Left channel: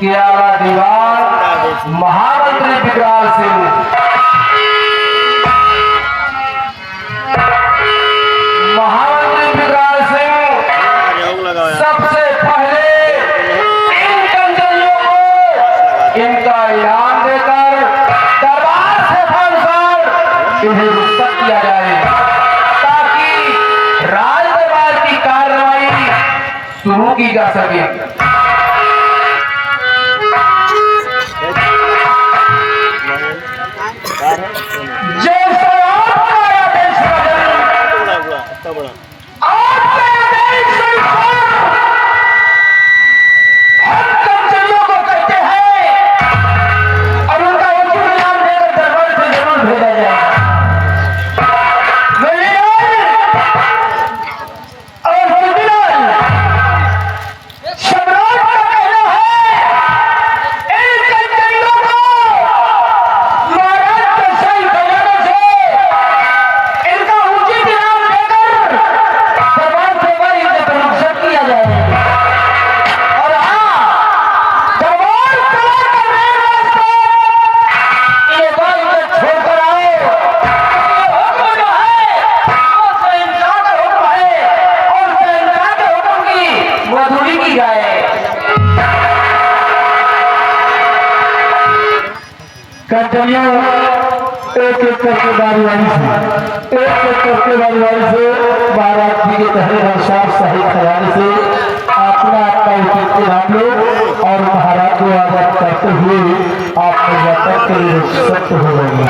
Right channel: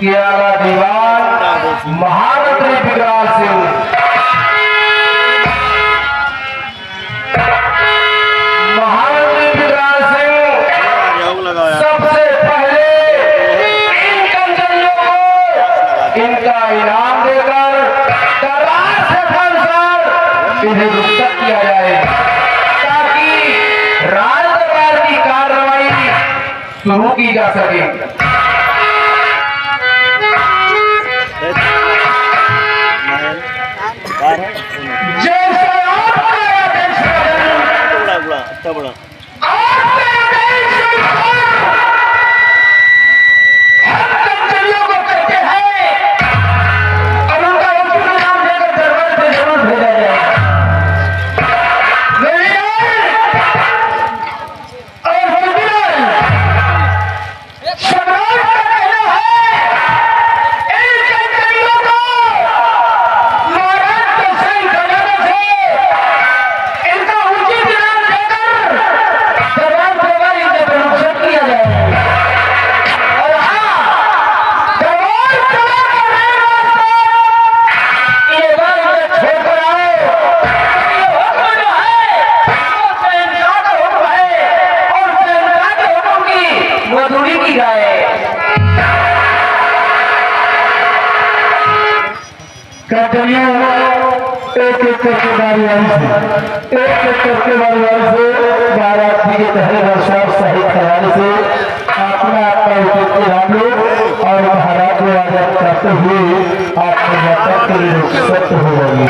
कियारा दीवार महामंत्री बिगाड़ सिंह। महामंत्री बिगाड़ सिंह सबसे पहले इन कंजरियों को इनका इनाम देकर दरबार से फरमान इन्हें रुखसत किया जाए ताकि राज दरबार की कार्रवाई शुरू की जा सके। एक एक करके बारी से बारात जी के तहरीर और साफ सही ख्याल से अपना ध्यान लो और महाराज को आजाद करते हुए आपको यात्रा के लिए सत्य हो जाएंगे।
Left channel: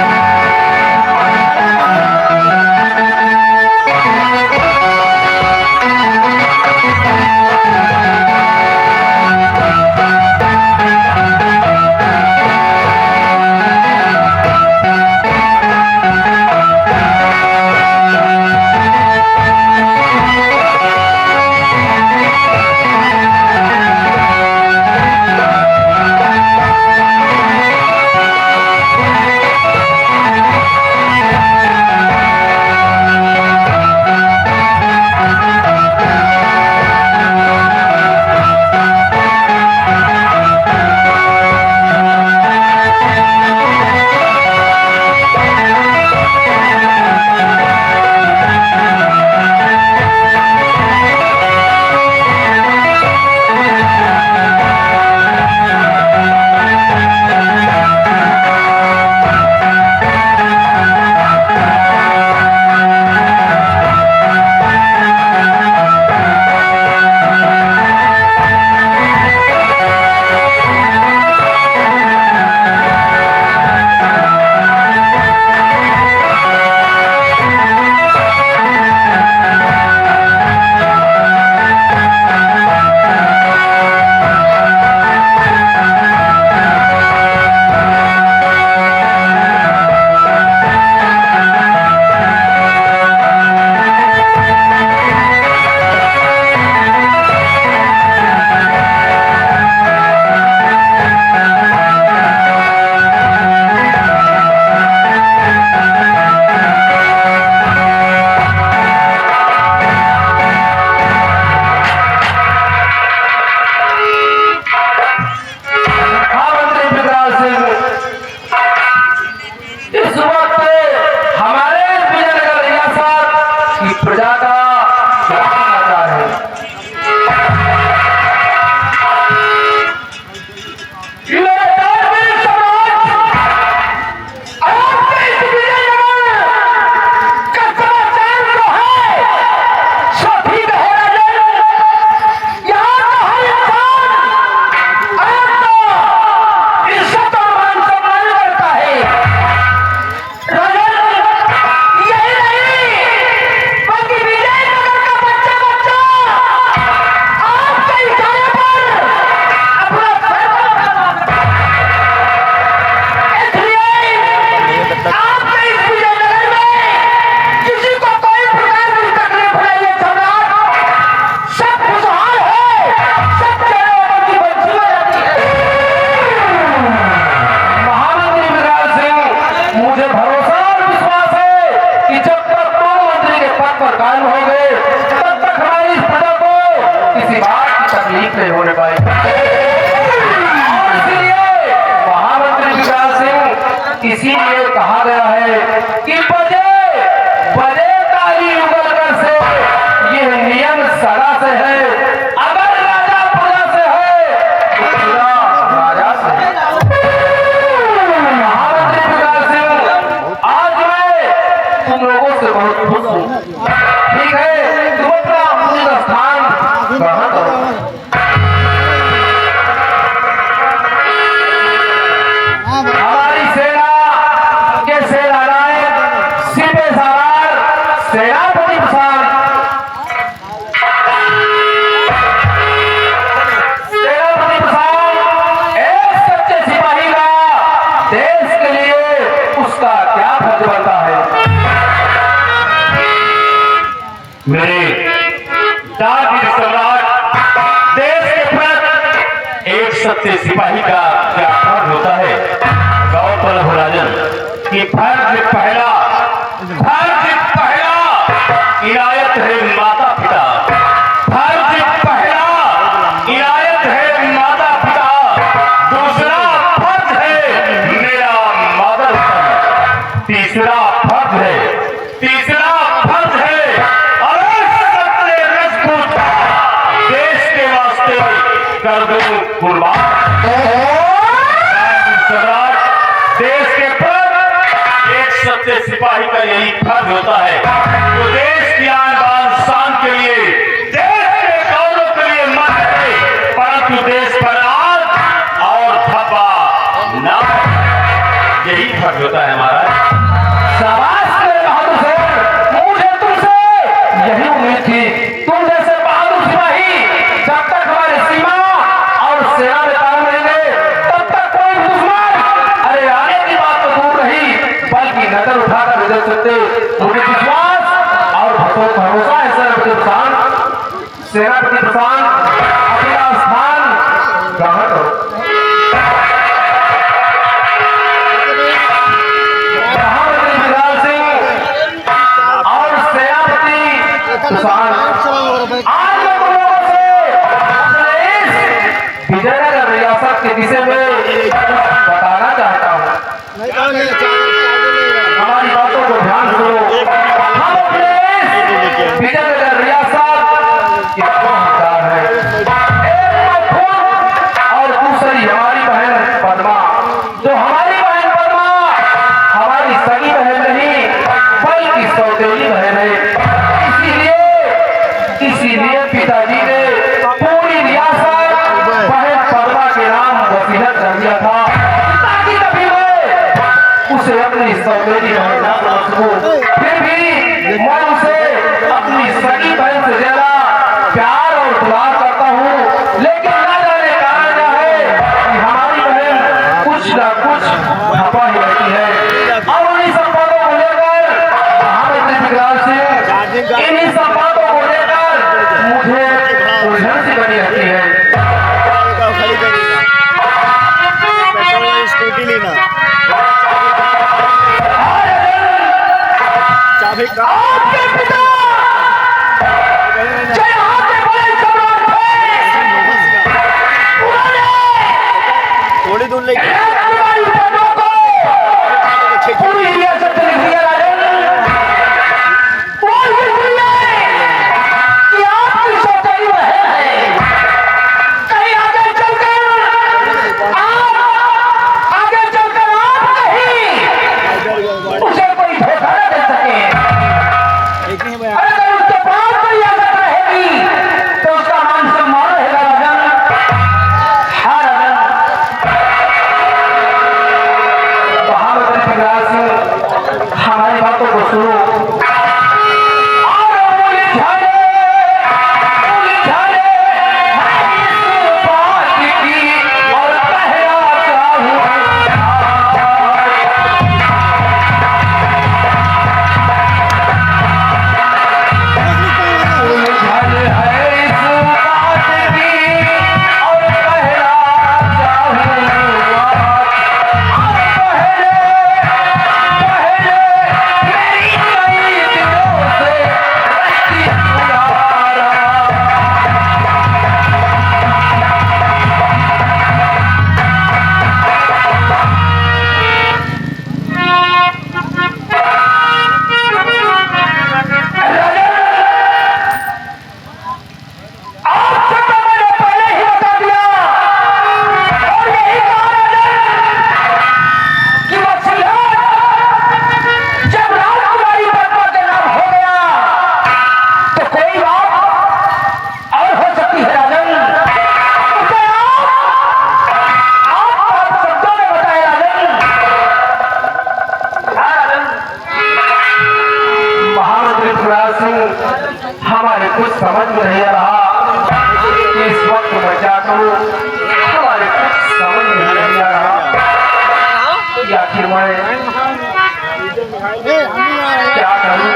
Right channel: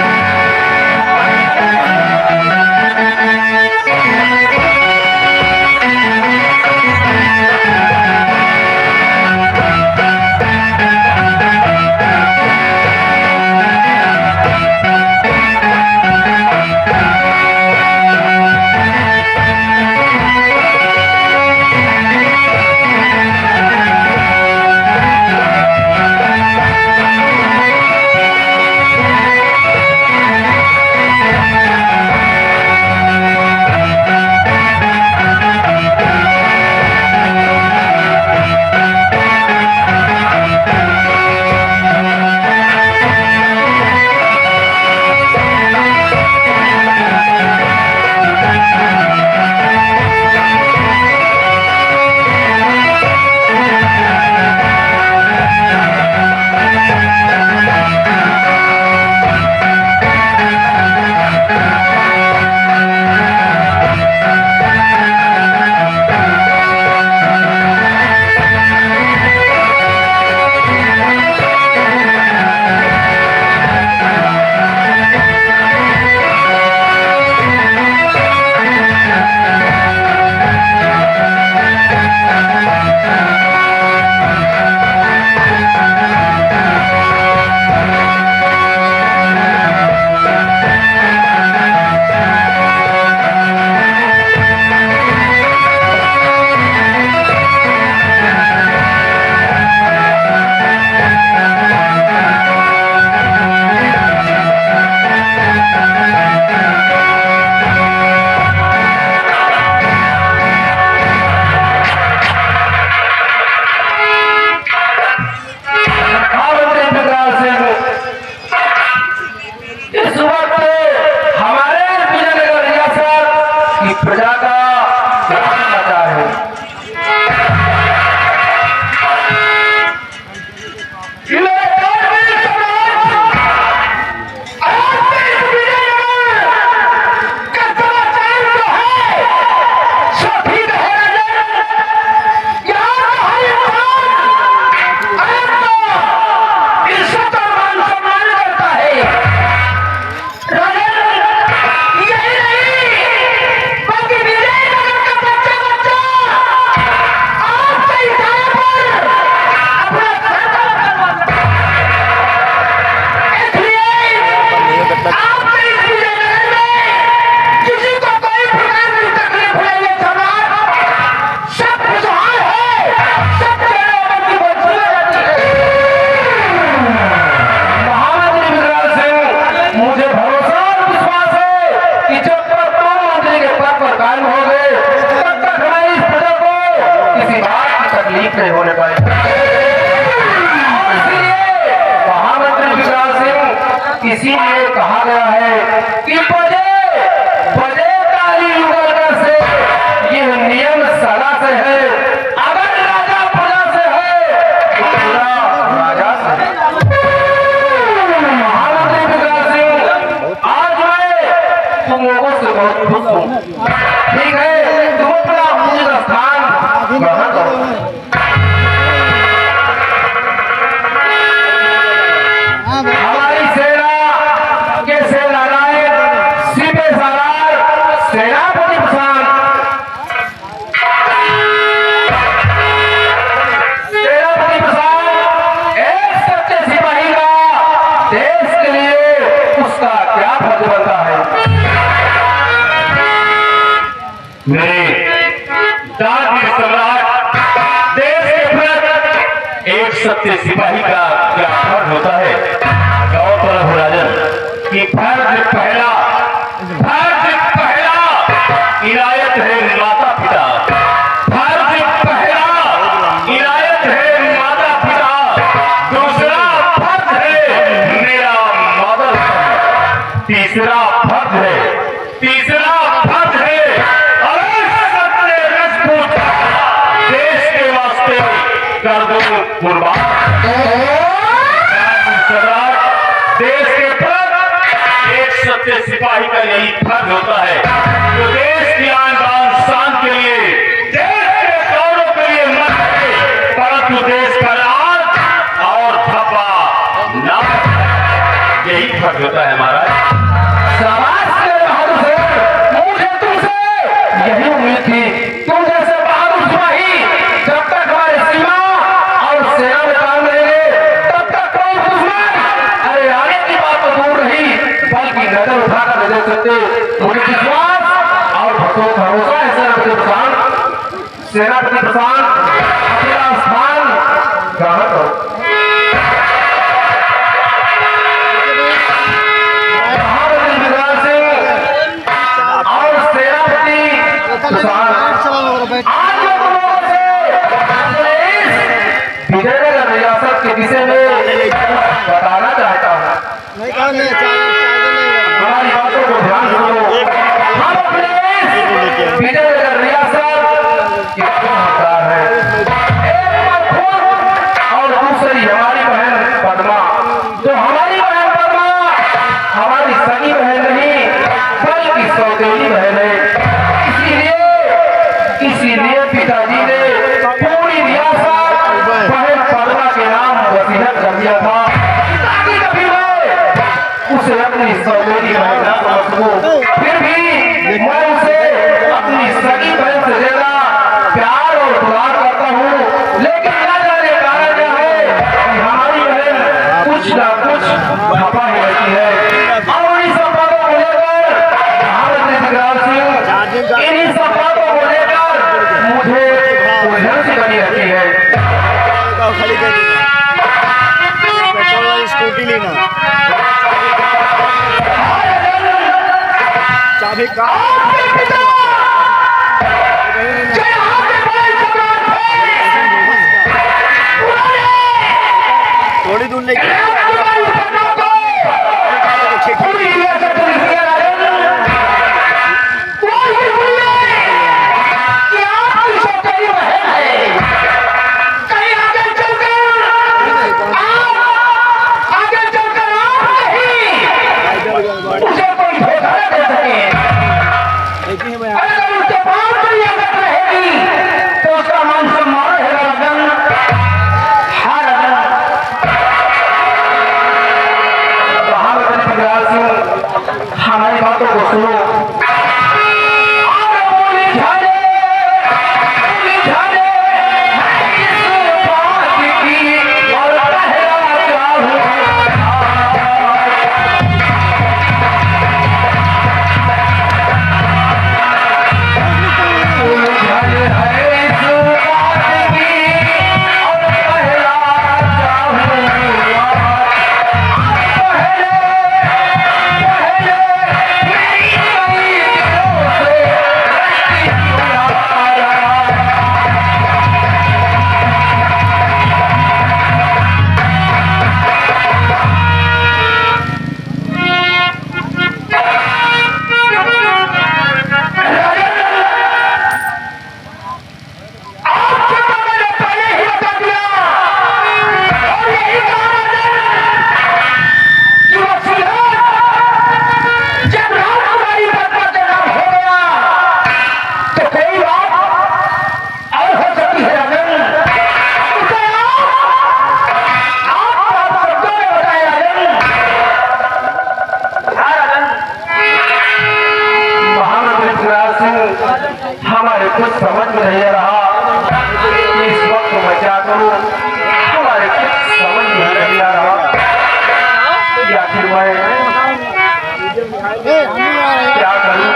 प्रजा का होता है। तकलीफ नहीं होने पाएगी। मेरे डाक के सम्राट देश के प्रति एक सच्चे सिपाही का क्या फर्ज होता है? गौरतलब हो राजन कि फर्ज पहला इनायत है माता पिता। फर्ज पहला इनायत है माता पिता। दूसरा फर्ज है मेरा मदर। तीसरा फर्ज है अरे सत्य राजपूत देश के वास्ते कर दो कुर्बान। देश के प्रति एक सच्चे सिपाही का यही फर्ज होता है। तो देश की आन बान शान के लिए, देश के गौरव के लिए मत है, परंतु देश पर आग और धब्बा न, यही फर्ज होता है हमारा। शाबाश मेरे बहादुर सर, मुझे तुमसे यही उम्मीद थी। तुम जैसे बहादुर सिपाही जब तक हमारे सीमा और सेना में काम करेंगे तब तक कोई दुश्मन अरे आने की बात तो दूर रही बल्कि नजर उठाकर नहीं देख सकते। मुझे विश्वास और भरोसा है सेनापति प्रधान अपना स्थान ग्रहण करो। विजयनगर रियासत के विषय में बताना चाहता हूँ। हमारी बातों को ध्यान सुनो। हम अपने विजयनगर रियासत के हकदार हैं। और दूसरी हमारी बहन पद्मा, जो हमारी बहन पद्मा हमारी सगी बहन नहीं बल्कि सौतेली बहन है। इसीलिए पिताजी ने पूरी रियासत बहन पद्मा के नाम वसीयत कर दिया था ताकि कभी मैं उसे अपनी सौतेली बहन ना समझ सकूं। फिर भी मैं उसे अपनी सगी बहन से ज्यादा प्यार और दुलार करता हूँ। लेकिन न जाने कारण क्या है कि हमारी बहन कुछ ना कुछ धपा ही रहती है। और उन्हीं सब बातों को लेकर इन्हीं सब बातों को लेकर मुझे उलझन से बनी रहती है। स्कूटी लेना चाबी का थोड़ी दूर लेके हमारी बातों को सुनो। हमारे कुछ समझ में नहीं आ रहा कि इस वक्त मैं क्या करूं। हमारे कुछ समझ में नहीं आ रहा कि आखिर मैं क्या करूं।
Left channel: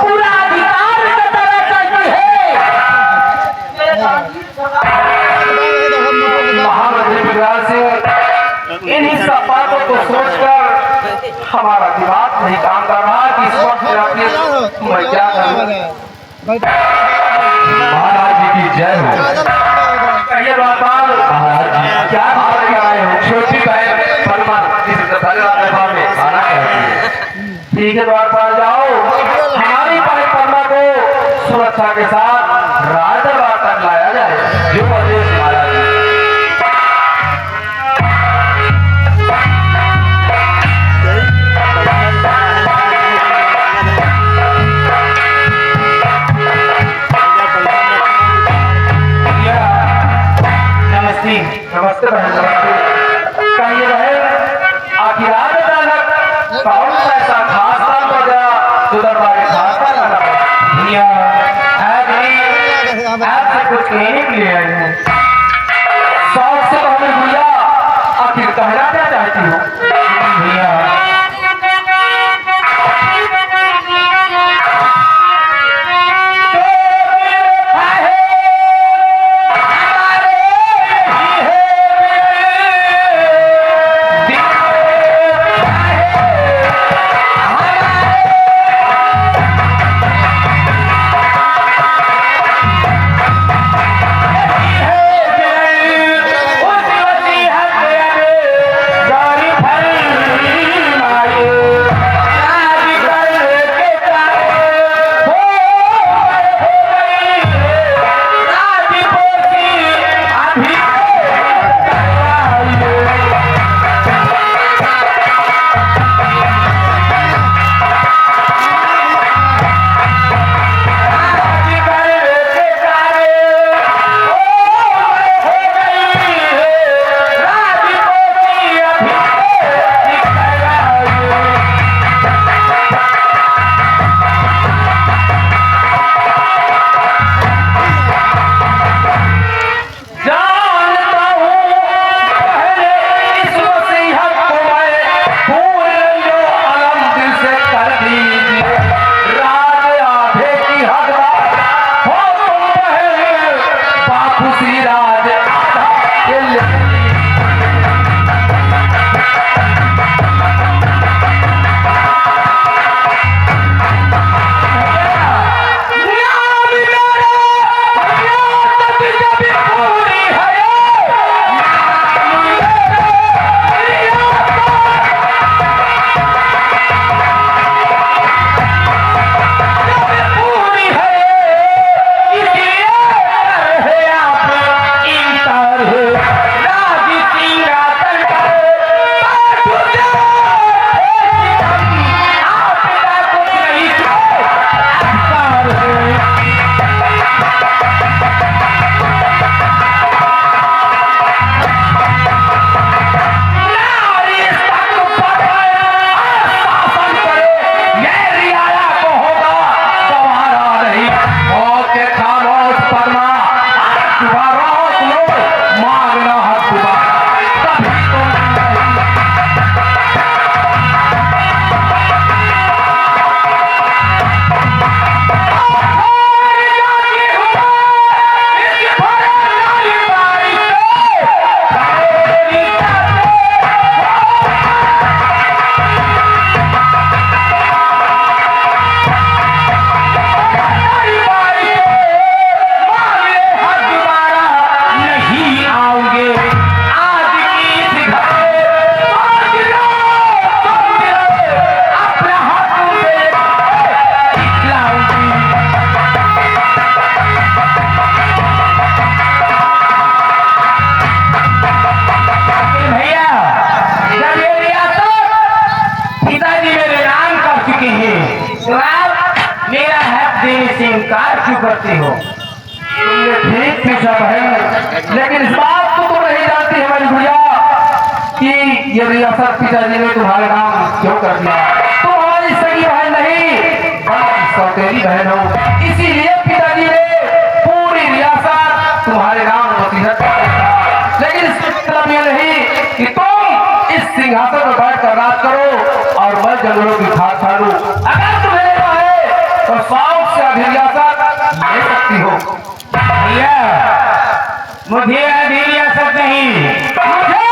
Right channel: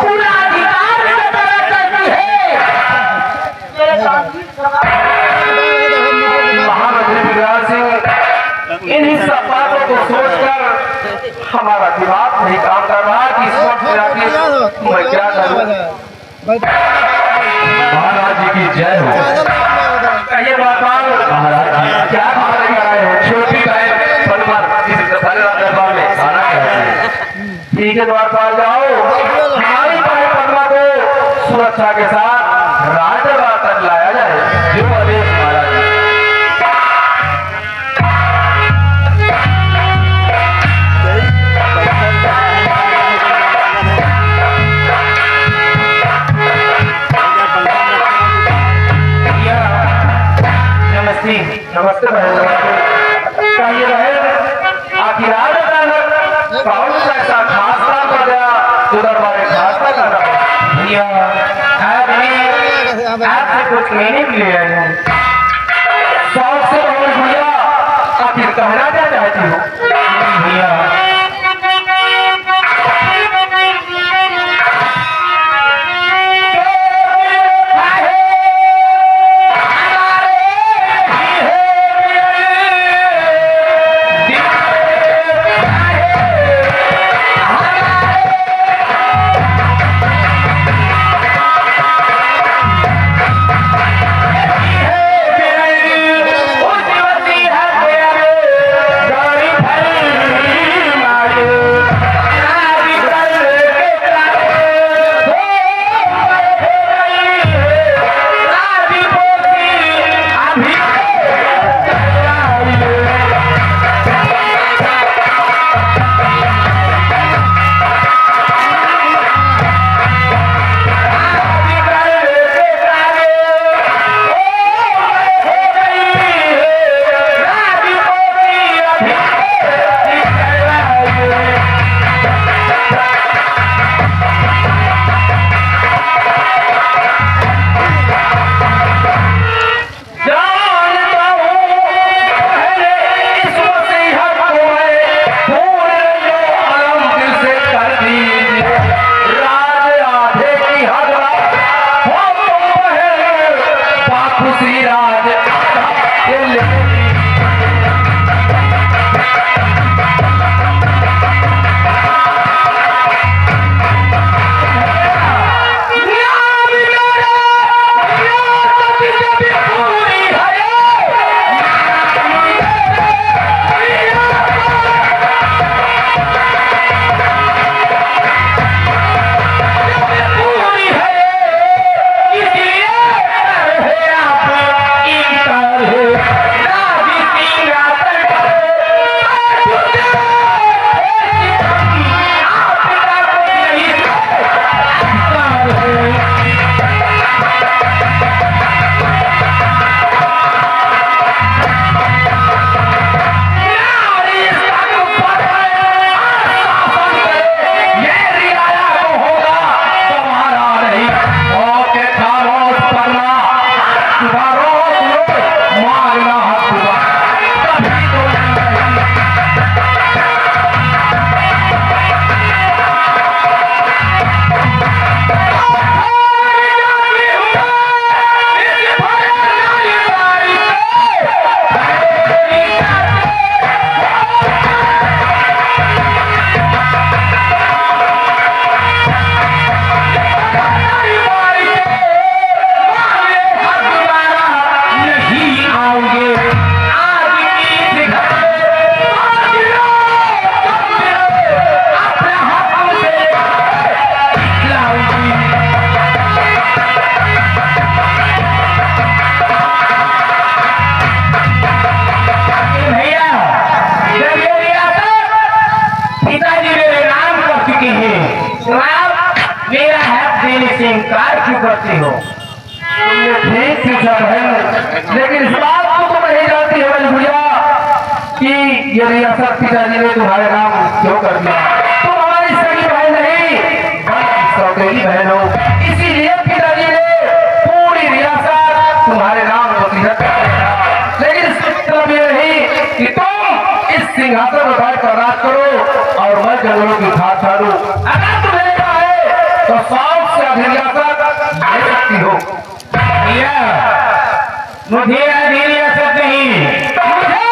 पूरा अधिकार की तरह चलती है। महामंत्री बिहार सिंह इन्हीं सब बातों को सोचकर हमारा दिमाग नहीं काम कर रहा कि इस वक्त मैं क्या करूं। महाराज जी की जय हो। कहिए बार महाराज जी क्या खबर लेकर आए हो? छोटी का है फरमान किसी दरबार में खाना ठीक है, द्वार पर जाओ, हमारी परिक्रमा को सुरक्षा के साथ राज दरबार तक लाया जाए। जो आदेश महाराज जी। नमस्ते बहन, नमस्ते। कहिए बहन, आखिर आज अचानक कौन सा ऐसा खास काम कर गया जो दरबार खास का करना भैया? आपसे कुछ कहने के लिए आई हूँ। शौक से कहूँ भैया, आखिर कहना क्या चाहती हूँ भैया? करती हो? तुमने ठीक पूछा बहन, लेकिन इस बात को तुम नहीं जानती है भैया कि ये रियासत पिताजी ने तुम्हारे नाम क्यों कर दिया। तुम हमारी सगी बहन नहीं बल्कि सौतेली बहन हो, इसीलिए पिताजी ने पूरी रियासत तुम्हारे नाम वसीयत कर दिया। लेकिन इसका मतलब ये नहीं कि तुम इस सिंहासन पर बैठ कर राज करो और मैं जंगलों की खाद छाड़ू। अगर तुम्हें सकती हो? भैया मुझे आधी रियासत नहीं, मुझे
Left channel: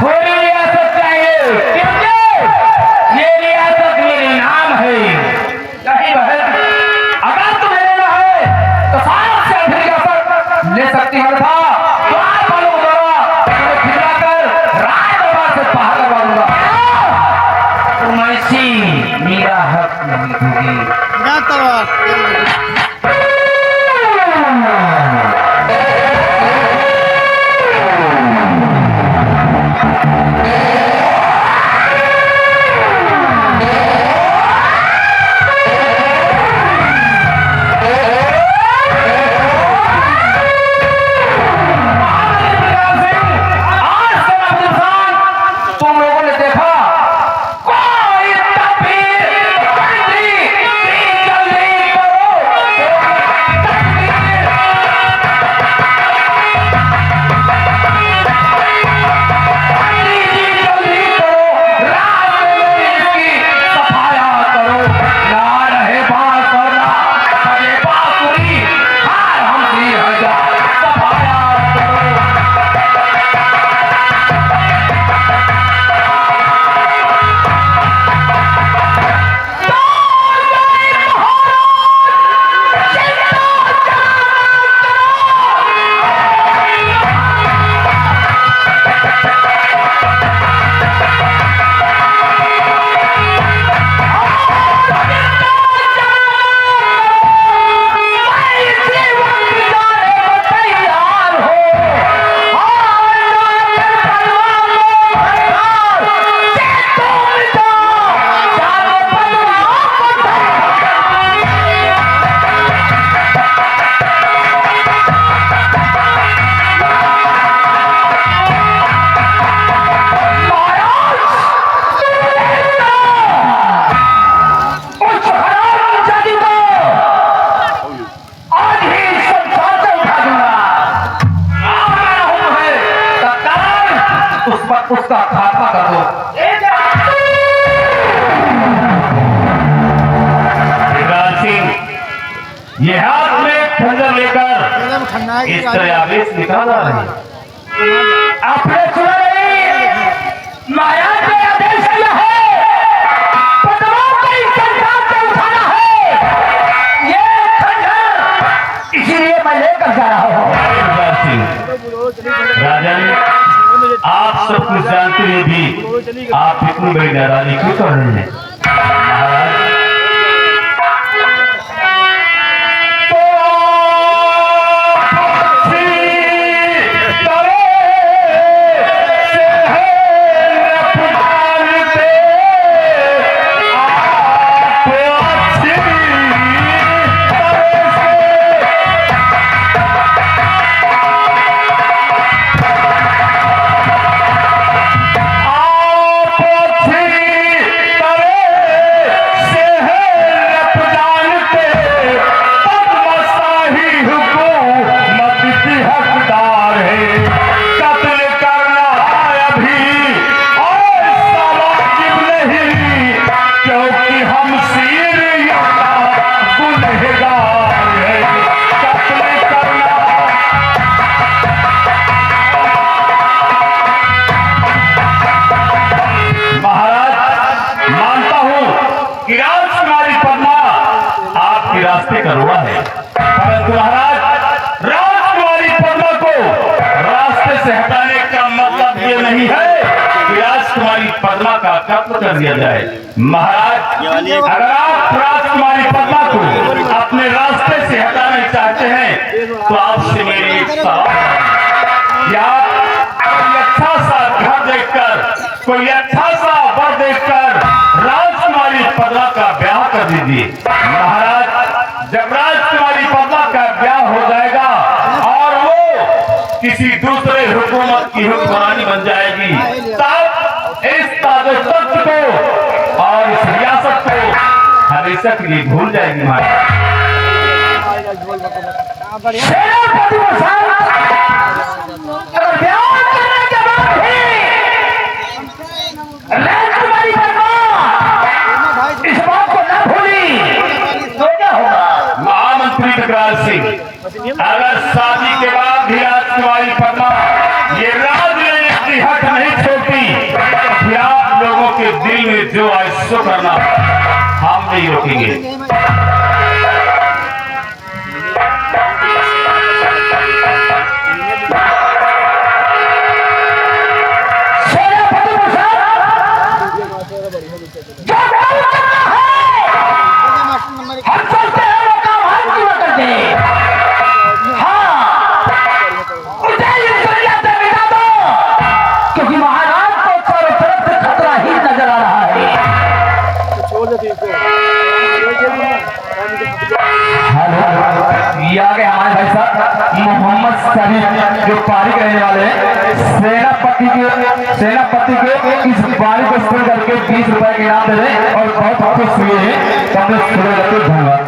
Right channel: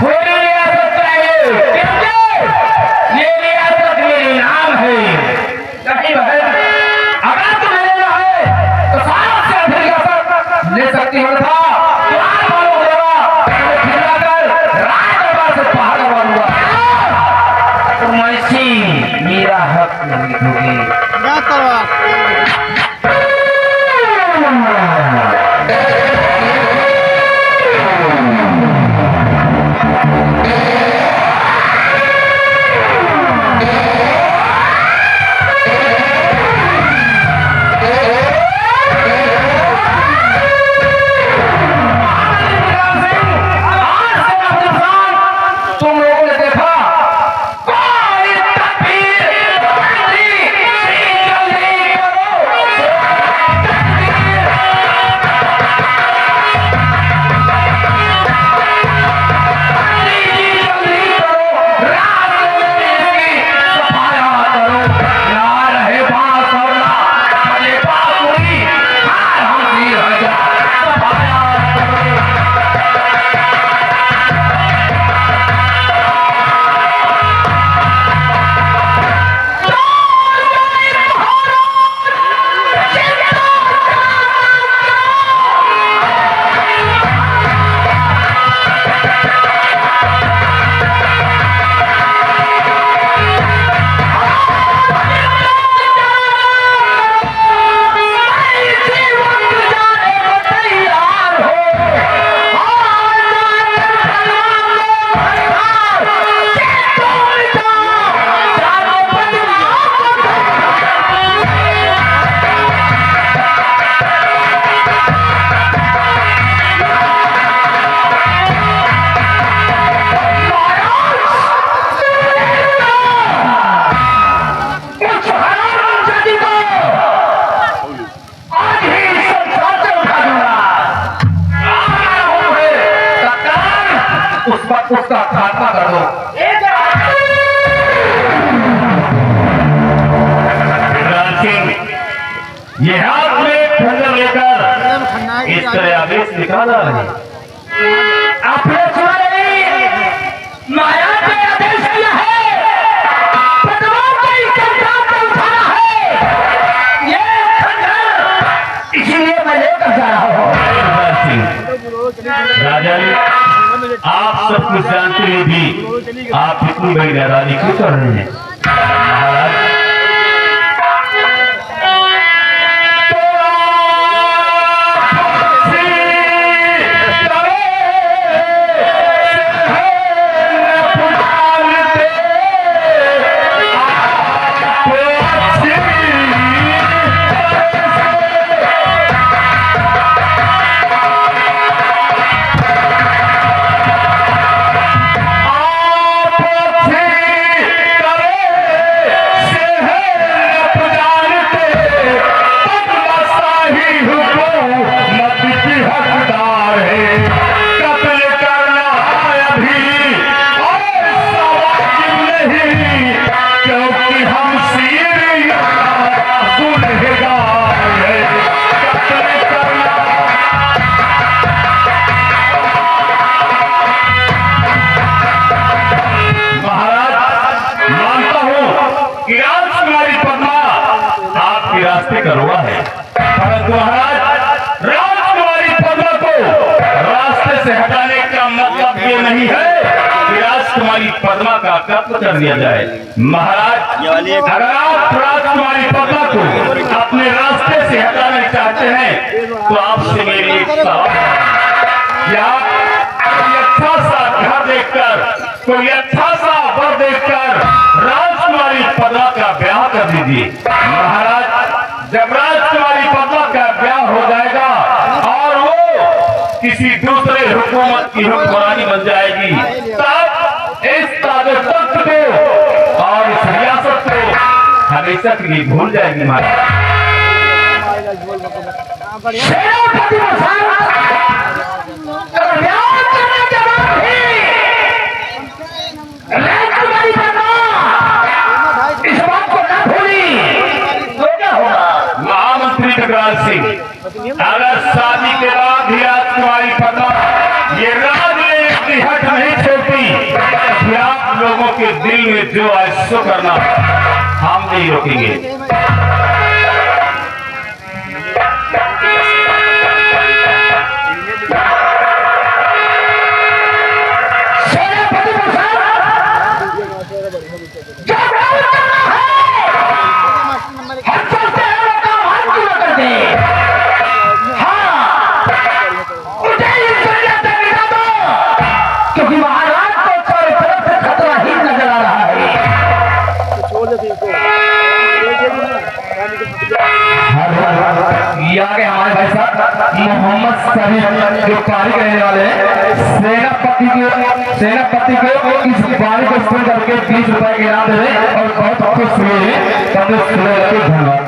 थोड़ी रियासत चाहिए, क्योंकि ये रियासत मेरे नाम है। नहीं बहन, अगर तुम लेना है तो सबसे अधिक रियासत ले सकती हो था। द्वार वालों द्वारा तुम्हें खिलाकर राजदरबार से बाहर करवा दूंगा। तुम ऐसी मेरा हक नहीं दोगे। तुम लोगों ने देखा कोई तकबीर जल्दी करो, जल्दी करो, रास्ते की सफाया करो। ना रहे बांस और ना बजे बांसुरी, हार हम 3000 सफाया करो। उसका खात्मा कर दो। विक्रांत सिंह ये हाथ में खंजर लेकर इस तरह आवेश निकाल रहे हैं। आपने सुना नहीं? महाराज के आदेश दिया है, पदमों को इस संसार से उठाना है। ये खंजर इसलिए मैं लेकर जा रहा हूँ। विक्रांत सिंह राजा आप सब कुछ जानते हुए भी आप इतनी बड़ी नाराजगी क्यों कर रहे हैं? महाराज रास्ते का रोड़ा है, परंतु महाराज राजकुमारी पद्मा को रास्ते से हटाने का मतलब ये नहीं है कि राजकुमारी पद्मा का कत्ल कर दिया जाए। महाराज अगर आप राजकुमारी पद्मा को अपने रास्ते से हटाना चाहते हैं तो आपसे मेरी एक सलाह है, आप कोई अच्छा सा घर देखकर, कोई अच्छा सा वर देखकर राजकुमारी पद्मा का ब्याह कर दीजिए। महाराज जब राजकुमारी पद्मा का ब्याह हो जाएगा और वो किसी दूसरे हुकूमत की हुक्मरानी बन जाएगी, तब इस ताज तख्त को और इस रियासत को हमेशा के लिए भूल जाएगी। महाराज महामंत्री विकराल सिंह, अगर शादी के बाद भी राजकुमारी पद्मा ये राजनीति की हट नहीं छोड़ती तो आप लोगों के दिल में जो है सो करना हम नहीं रोकेंगे। क्योंकि महाराज को चारों तरफ से खतरा ही नजर आ रहा है। ये आ गए हमारे भाई साहब मोहम्मद शरीफ जो पारी कहने वाले हैं। सेनापति के इस पारी को सुन करके 20 रुपए के इनाम दे रहे और बहुत अच्छे सुने हैं। तो हमने सुने रखे, धन्यवाद।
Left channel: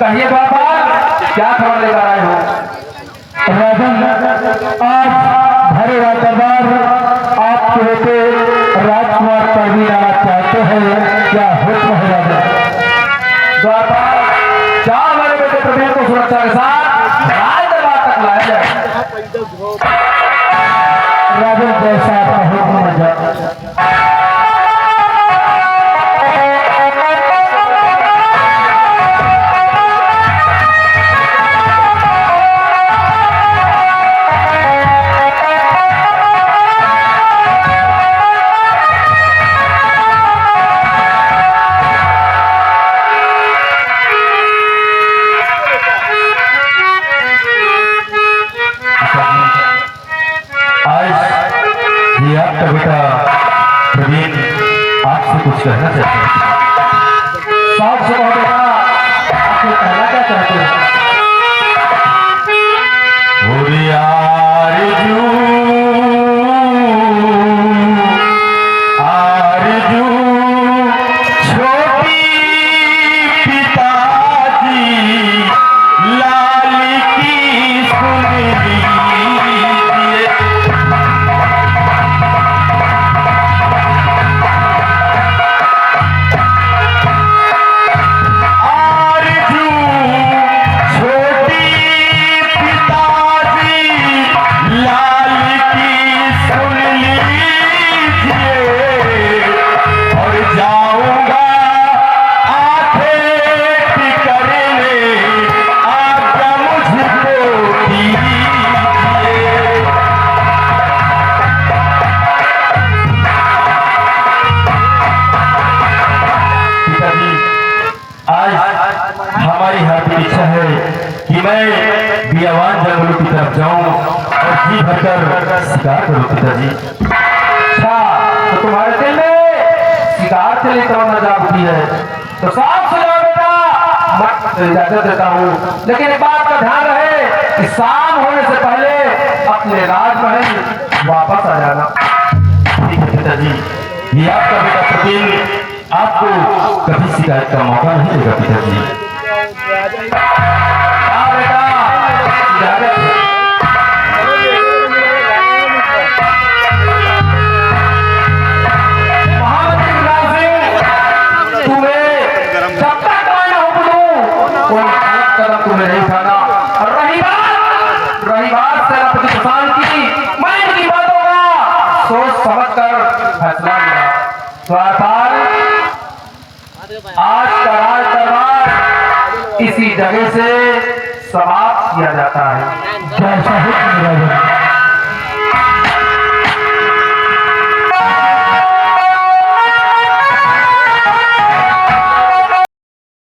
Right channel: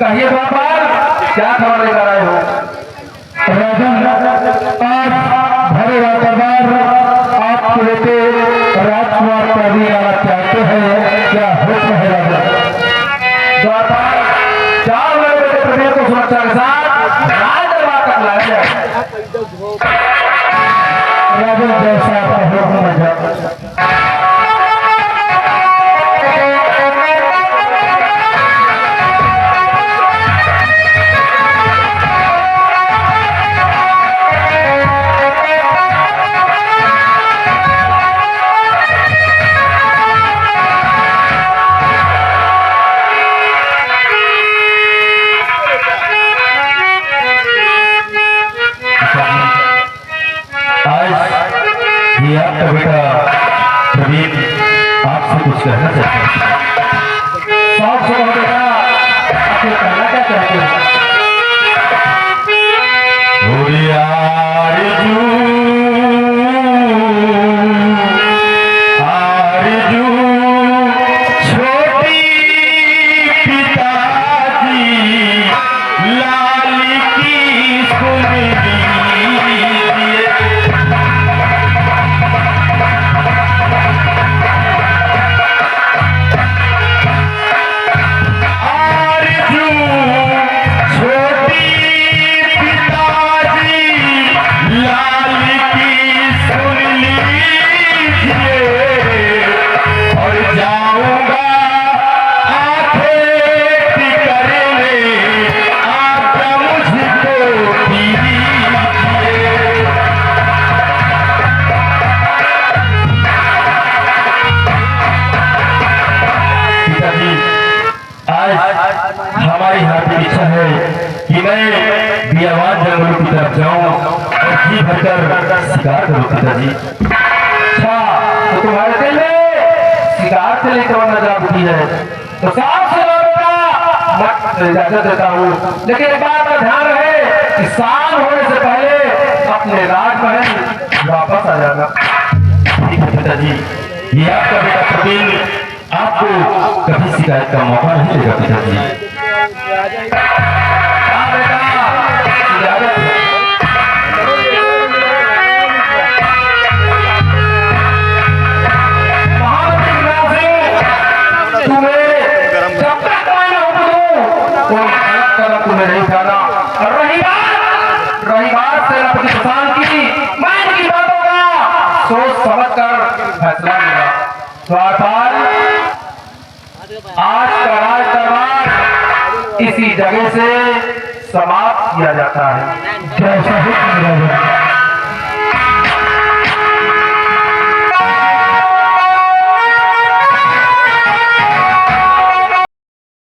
कहिए बाबा क्या खबर लेकर आए हो? राजन, आप भरे दरबार आपके बेटे राजकुमार पढ़ने आना चाहते हैं, क्या हुक्म है राजन? दरबार 4 बड़े बेटे प्रभु को सुरक्षा के साथ राज दरबार तक लाया जाए। राजन जैसा आपका हुक्म है। ये आपका बेटा प्रवीण आपसे कुछ कहना चाहते हैं। शौक से कहो बेटा, आपसे कहना क्या चाहते हैं? आरज़ू छोटी पिताजी लाल की सुन हमारी हाथी इच्छा है कि मैं बियावान जंगलों की तरफ जाऊं और जी भरकर शिकार करूं पिताजी। अच्छा, तो तुम्हारे दिल में शिकार के लिए तमन्ना जागती है तो साफ से जाओ बेटा, मैं इजाजत देता हूँ। लेकिन एक बात का ध्यान रहे कि शाम होने से पहले अपने राजमहल वापस आ जाना। ठीक है पिताजी, ये आपका बेटा प्रवीण आपको कभी शिकायत का मौका नहीं देगा पिताजी। हाँ बेटा, इजाजत है। महामंत्री विकराल सिंह, तुम्हें जब तक मैं हुक्म दूं कोई गलत कदम तुम्हें नहीं उठाना। और रही बात सेनापति प्रशांत की, मैं इनकी बातों का सोच समझ कर फैसला लिया। द्वारपाल, आज का राज दरबार इसी जगह से समाप्त किया जाता है। जैसा हुक्म राजा।